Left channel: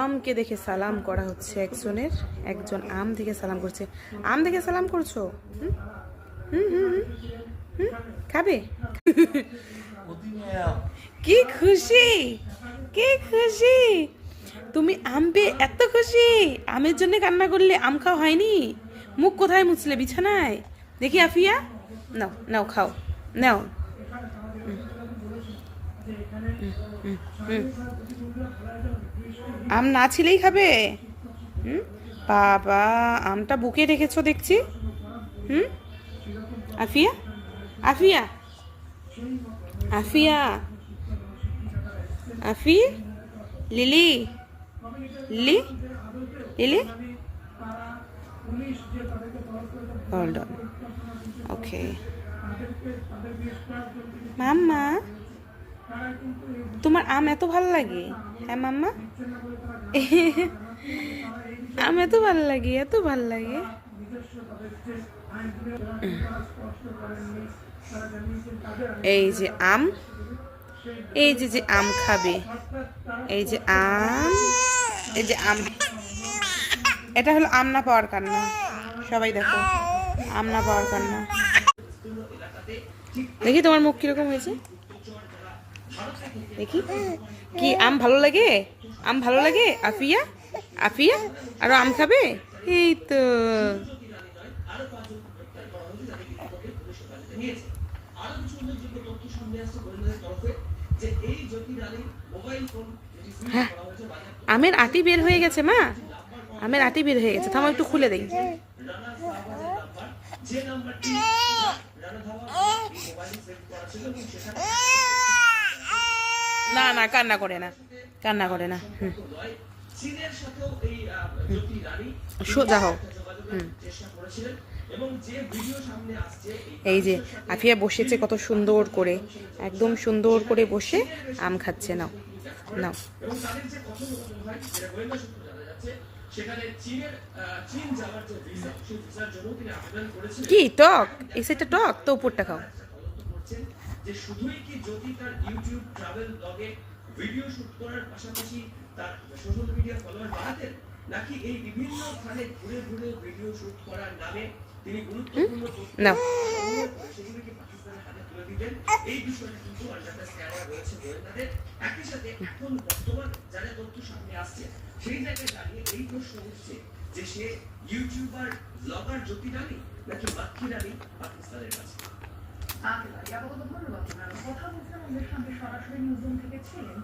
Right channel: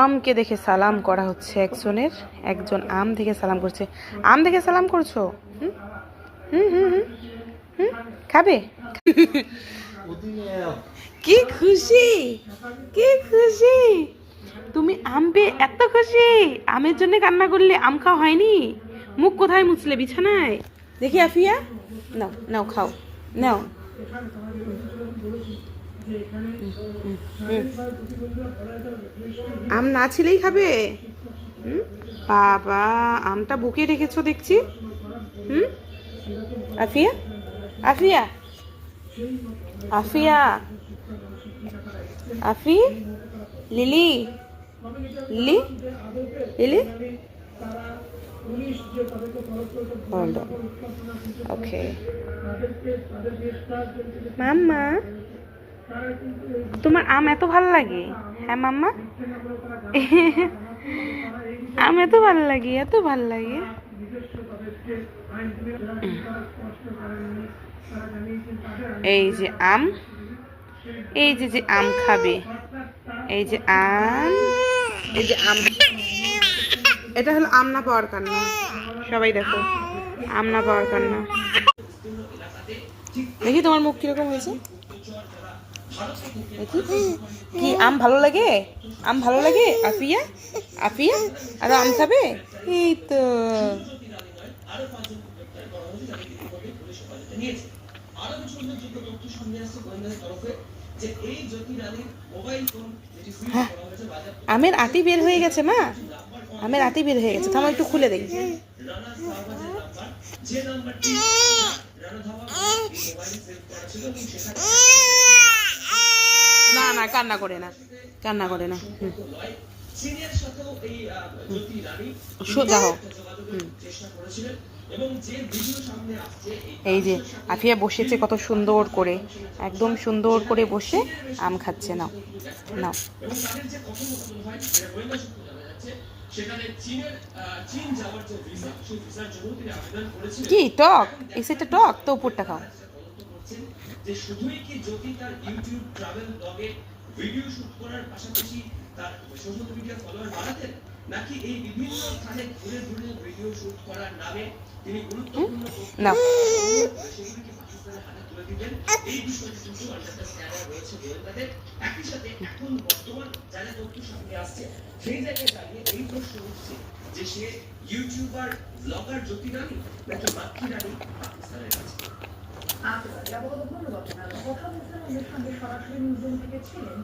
আমকে দেখে সালাম করা হচ্ছে একজনের, একজন আম দেখে সালাম করছে। আম দেখে সালাম করছো? হুম হুম হুম হুম হুম খাবে? কি খুশি, কি খুশি! তুমি আম পেয়ে এত খুশি? আমের জন্য কান্না করলে? আম খাওয়া হয়নি? মুখ কোথায় মুছলে? বিছানায়? দেখি আফিয়া, নাও নাও খাও, নাও। আম না ছিলেই খাবে? হুম, বাবা, আমটা বুকে রেখেছো দেখছি। হুম, Afia, Afia, Afia, Afi, Lily, Lily, Lily, hold on, okay. মাম্মা, তোমার আম এত ভালো লাগে? হ্যাঁ মাম্মা, আম এত ভালো লাগে, এত ভালো লাগে। এই যে আম, এই যে যে আম খাবে, এই যে আম, এই যে আম। এটা হলো আম না পাওয়ার কান্না। সবাই দেখো, আম না পাওয়ার কান্না। দেখি তোমার মুখ কিরকম হয়েছে, দেখি। কি আম ভালো লাগে? আম ভালো লাগে আফিয়া? আফিয়া আরো আম খাবে? এই তো। হ্যাঁ, আমের আটি বের হয়ে গেছে মা, আমের আটি বের হয়ে গেছে। থামো একটু খুলে দেই। না না, কান্না করে না, কান্না করে না। সোজা হোক। এই যে আফিয়া বসেছে কত সুন্দর করে, একদম সুন্দর করে বসে আম খাচ্ছে। না না, কি টক? এই সেটা টক তো, উপরটা খাও। যে শুধুই কি জ্যোতি তার ইউটিউব ট্রাভেল ব্লগে ভিডিও শুট করার পাশাপাশি তার সোশ্যাল মিডিয়া ফলোয়ার বাড়াতেন, নাকি এই বিভিন্ন স্থানে ঘুরে ঘুরে ভিডিও শুট করার নামে তিনি গুরুত্বপূর্ণ না সেগুলো কি পাকিস্তানের হাতে তুলে দিবেন? এই বিষয়ে কিন্তু আন্ডার দ্য স্ক্যানার রয়েছে গোয়েন্দাদের। একই সাথে এখন বর্তমান যারা তথ্য সামনে আসছে সেই জায়গায় দাঁড়িয়ে এই প্রশ্ন উঠছে যে সে ইউটিউবার ব্লগার জ্যোতি রানী নাকি বাক্কি রানী পাকিস্তানের কাছে। ধন্যবাদ। প্রথম অনুষ্ঠানের সঙ্গে সরাসরি নিউজ থেকে ছিলেন